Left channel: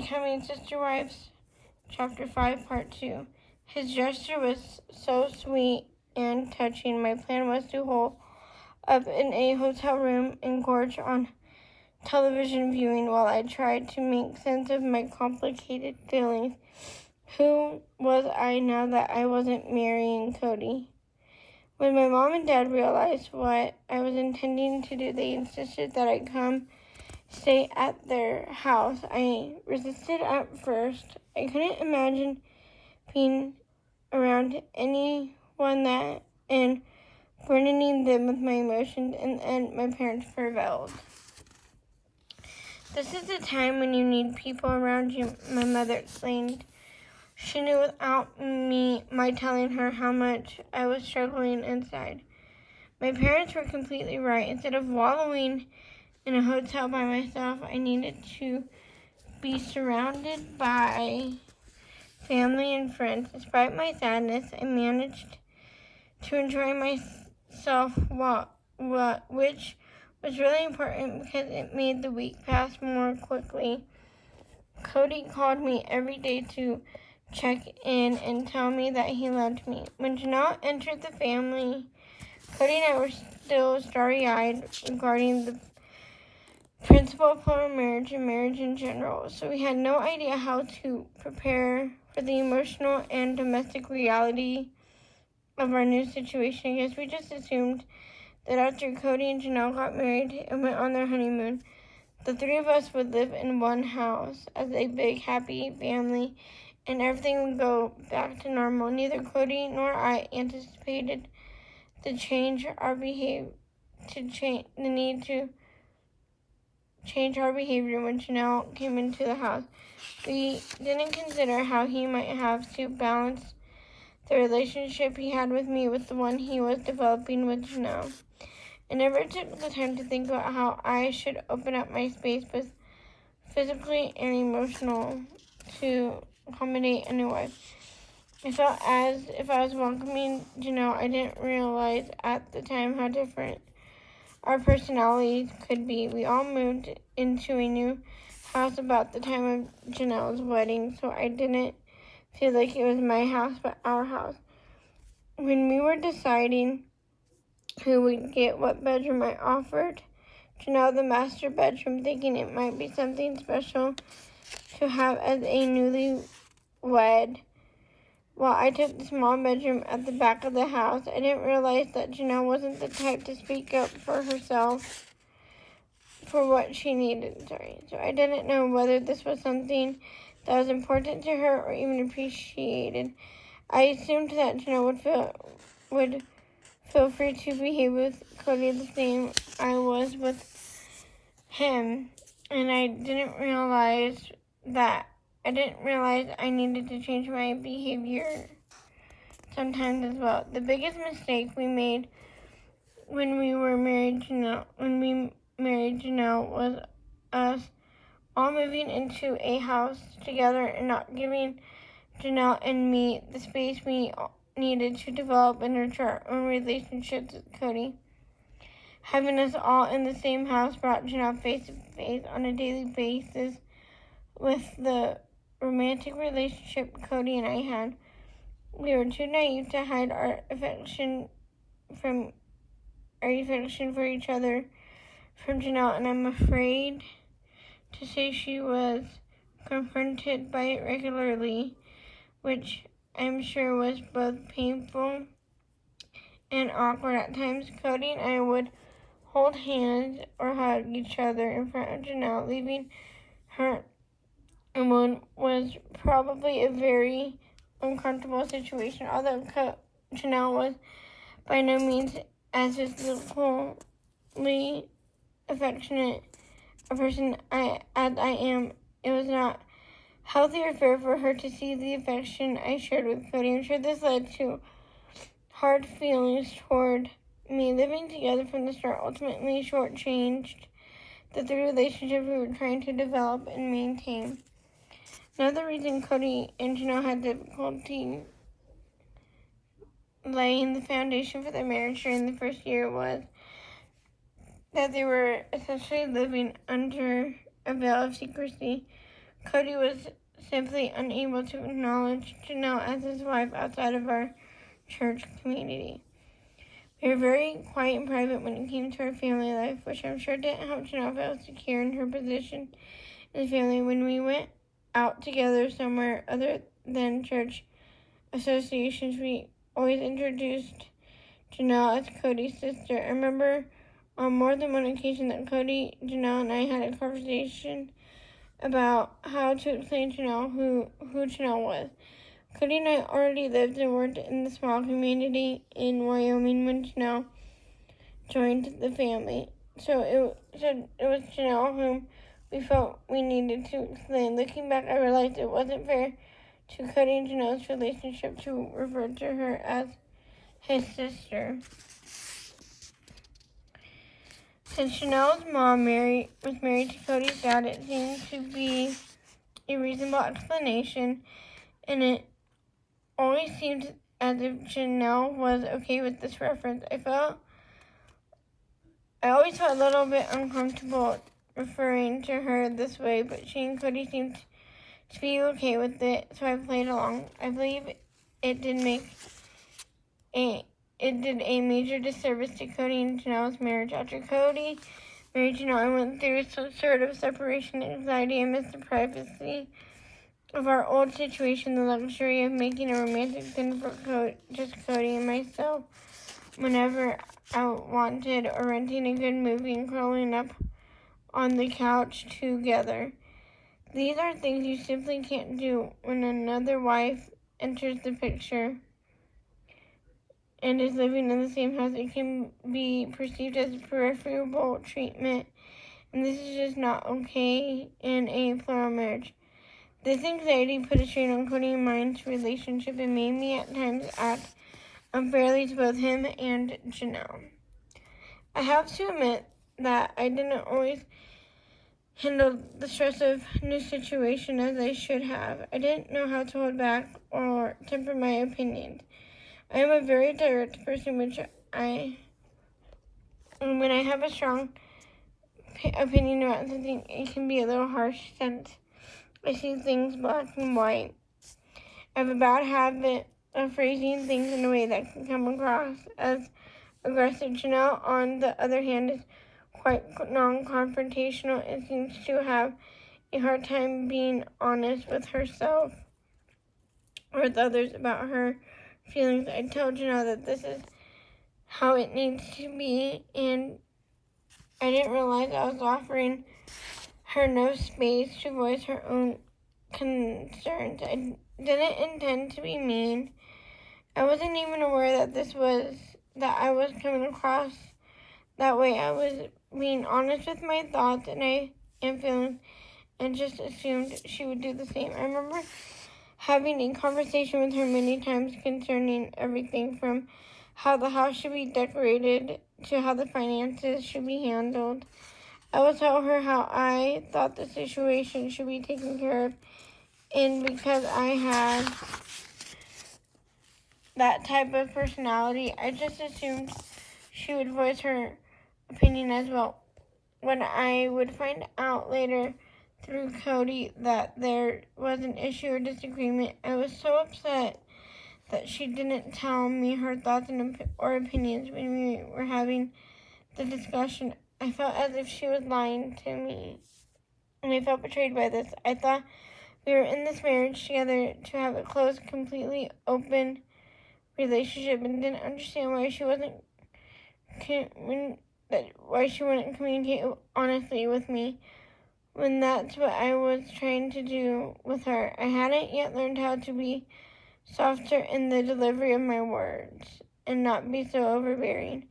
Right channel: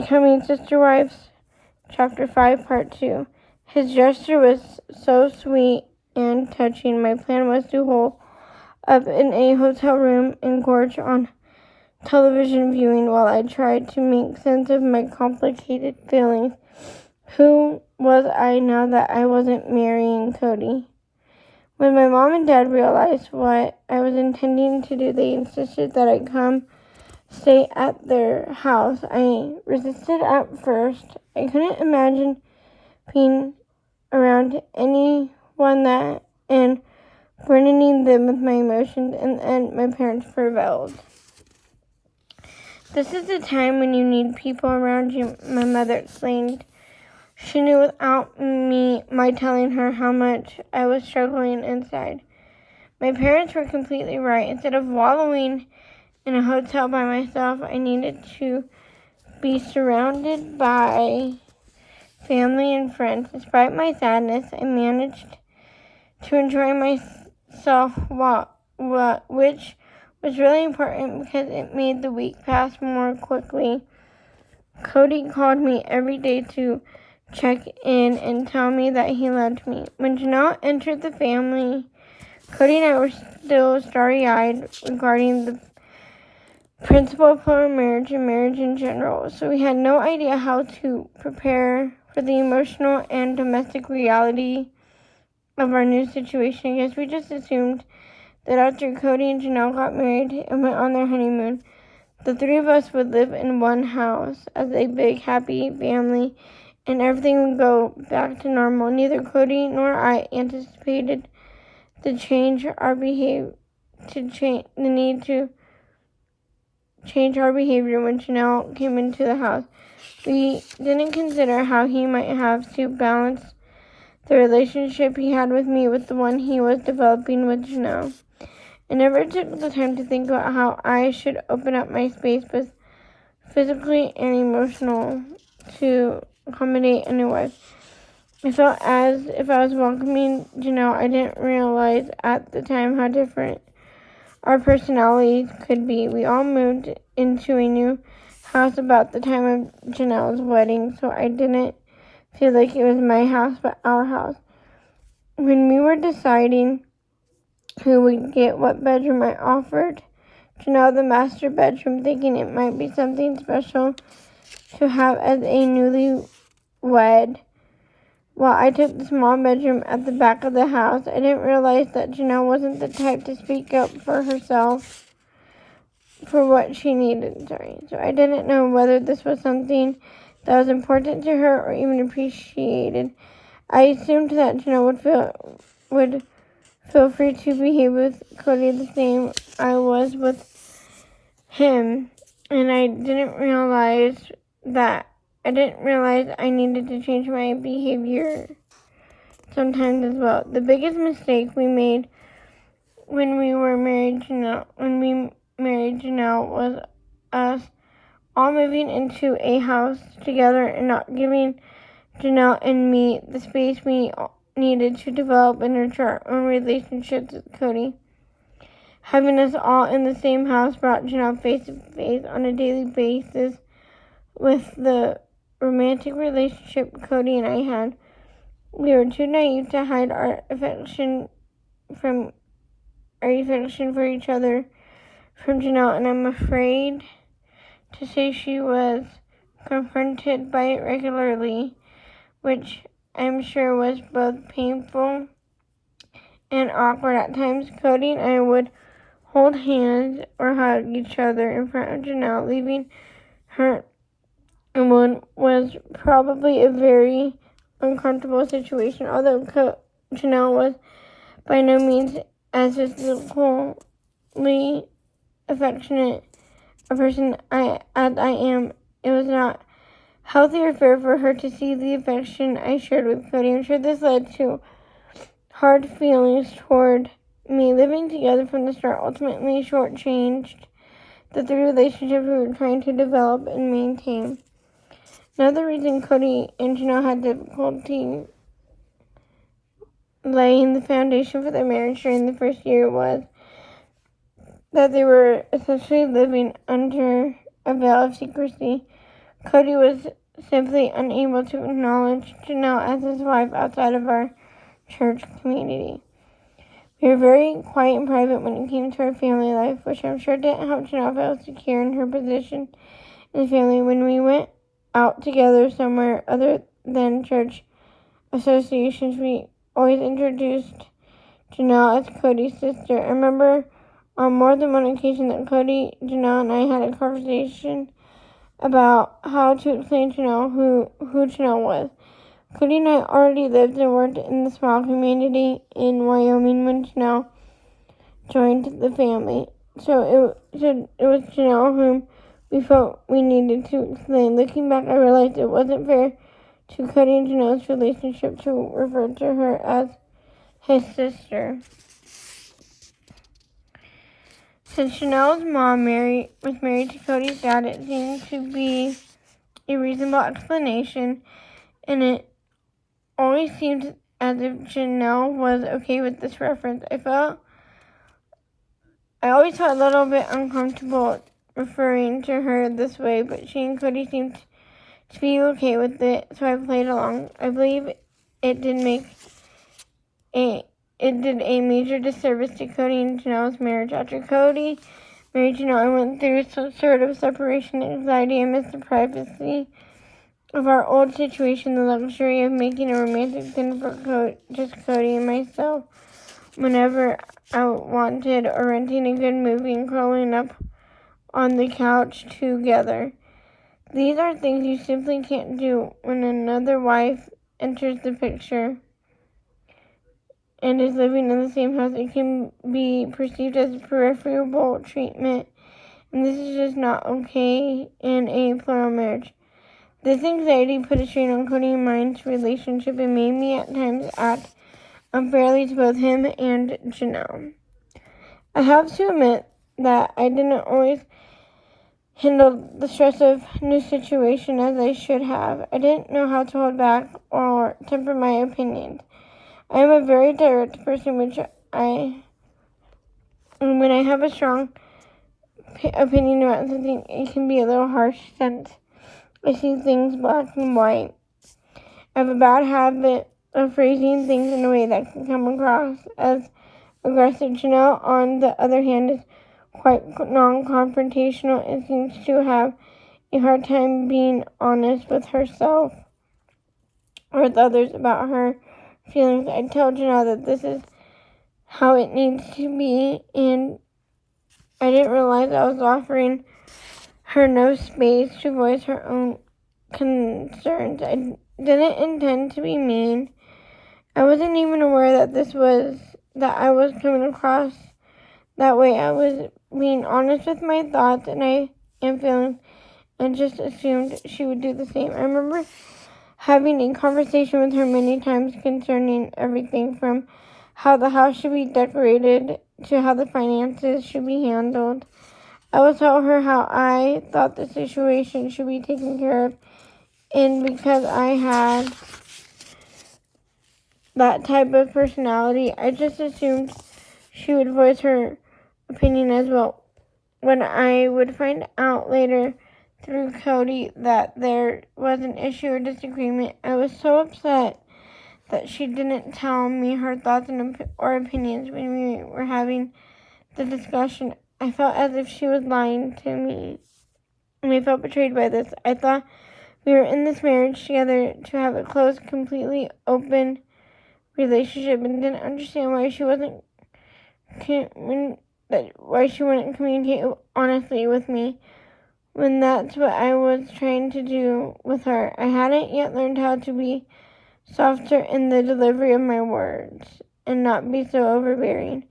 Becoming Sister Wives, Chapter 5, Part 2. His gesture was so sweet and touching. My plan was to hole up in a hotel room and gorge on television viewing while I tried to make sense of my complicated feelings. Who was I now that I wasn't marrying Cody? When my mom and dad realized what I was intending to do, they insisted that I come stay at their house. I resisted at first. I couldn't imagine being around anyone and burdening them with my emotions, and my parents prevailed. This is the time when you need people around you, my mother explained. She knew without my telling her how much I was struggling inside. My parents were completely right. Instead of wallowing in a hotel by myself, I needed to be surrounded by family and friends. Despite my sadness, I managed to enjoy myself, which was really important because it made the week pass more quickly. Cody called me every day to check in and tell me that he loved me. When Janelle entered the family, Cody and I were still starry-eyed regarding the principle of our marriage and marriage in general, so we had no idea how to prepare for the emotional and domestic reality of our new situation. I guess we just assumed that after Cody and Janelle got married and went on their honeymoon, the three of us would live in one house as a big, happy family, and everything would go back to normal. Neither Cody nor I anticipated the need to change our behavior when Janelle came into the house. We didn't consider how he might have to balance the relationship he had with me with the one he was developing with Janelle. I never took the time to think about how I should open up my space, both physically and emotional, to accommodate a new wife. I felt as if I was welcoming Janelle. I didn't realize at the time how different our personalities could be. We all moved into a new house about the time of Janelle's wedding, so I didn't feel like it was my house, but our house. When we were deciding who would get what bedroom, I offered Janelle the master bedroom, thinking it might be something special to have as a newlywed. While I took the small bedroom at the back of the house, I didn't realize that Janelle wasn't the type to speak up for herself for what she needed. So I didn't know whether this was something that was important to her or even appreciated. I assumed that Janelle would feel free to behave with Cody the same I was with him, and I didn't realize I needed to change my behavior sometimes as well. The biggest mistake we made when we married Janelle was us all moving into a house together and not giving Janelle and me the space we needed to develop and nurture our own relationships with Cody. Having us all in the same house brought Janelle face to face on a daily basis with the romantic relationship Cody and I had. We were too naive to hide our affection for each other from Janelle, and I'm afraid to say she was confronted by it regularly, which I'm sure was both painful and awkward at times. Cody and I would hold hands or hug each other in front of Janelle, leaving her alone was probably a very uncomfortable situation. Although Janelle was by no means as physically affectionate a person as I am, it was not healthy or fair for her to see the affection I shared with Cody. I'm sure this led to hard feelings toward me. Living together from the start ultimately shortchanged the relationship we were trying to develop and maintain. Another reason Cody and Janelle had difficulty laying the foundation for their marriage during the first year was that they were essentially living under a veil of secrecy. Cody was simply unable to acknowledge Janelle as his wife outside of our church community. We were very quiet and private when it came to our family life, which I'm sure didn't help Janelle feel secure in her position in the family. When we went out together somewhere other than church associations, we always introduced Janelle as Cody's sister. I remember on more than one occasion that Cody, Janelle, and I had a conversation about how to explain Janelle who Janelle was. Cody and I already lived and worked in the small community in Wyoming when Janelle joined the family. So it was Janelle whom we felt we needed to explain. Looking back, I realized it wasn't fair to Cody and Janelle's relationship to refer to her as his sister. Since Janelle's mom was married to Cody's dad, it seemed to be a reasonable explanation, and it always seemed as if Janelle was okay with this reference. I always felt a little bit uncomfortable referring to her this way, but she and Cody seemed to be okay with it, so I played along. I believe it did a major disservice to Cody and Janelle's marriage. After Cody married Janelle, I went through some sort of separation anxiety. I missed the privacy of our old situation, the luxury of making a romantic dinner for just Cody and myself whenever I wanted, or renting a good movie and curling up on the couch together. These are things you simply can't do when another wife enters the picture and is living in the same house. It can be perceived as preferable treatment, and this is just not okay in a plural marriage. This anxiety put a strain on Cody and mine's relationship and made me at times act unfairly to both him and Janelle. I have to admit that I didn't always handle the stress of new situation as I should have. I didn't know how to hold back or temper my opinions. I am a very direct person, when I have a strong opinion about something, it can be a little harsh since I see things black and white. I have a bad habit of phrasing things in a way that can come across as aggressive. Janelle, on the other hand, is quite non-confrontational and seems to have a hard time being honest with herself or with others about her feelings. I tell Janelle that this is how it needs to be, and I didn't realize I was offering her no space to voice her own concerns. I didn't intend to be mean. I wasn't even aware that I was coming across that way. I was being honest with my thoughts and feelings, and just assumed she would do the same. I remember having a conversation with her many times concerning everything from how the house should be decorated to how the finances should be handled. I would tell her how I thought the situation should be taken care of, and because I had that type of personality, I just assumed she would voice her opinion as well. When I would find out later through Cody that there was an issue or disagreement, I was so upset that she didn't tell me her thoughts or opinions when we were having the discussion. I felt as if she was lying to me, and I felt betrayed by this. I thought we were in this marriage together to have a close, completely open relationship, and didn't understand why she wouldn't communicate honestly with me when that's what I was trying to do with her. I hadn't yet learned how to be softer in the delivery of my words and not be so overbearing.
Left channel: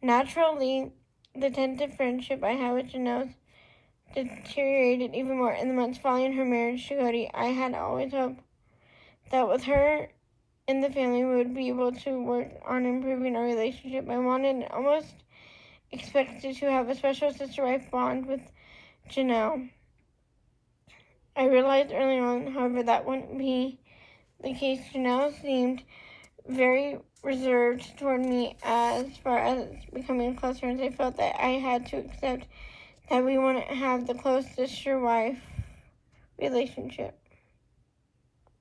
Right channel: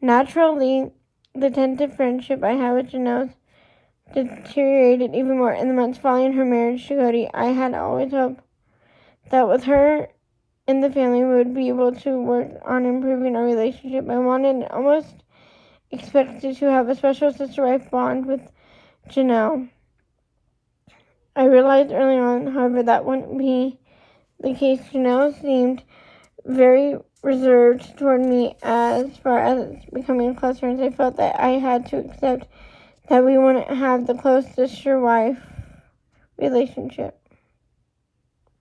Naturally, the tentative friendship I had with Janelle deteriorated even more in the months following her marriage to Cody. I had always hoped that with her in the family, we would be able to work on improving our relationship. I wanted and almost expected to have a special sister-wife bond with Janelle. I realized early on, however, that wouldn't be the case. Janelle seemed very reserved toward me as far as becoming close friends. I felt that I had to accept that we wouldn't have the close sister-wife relationship.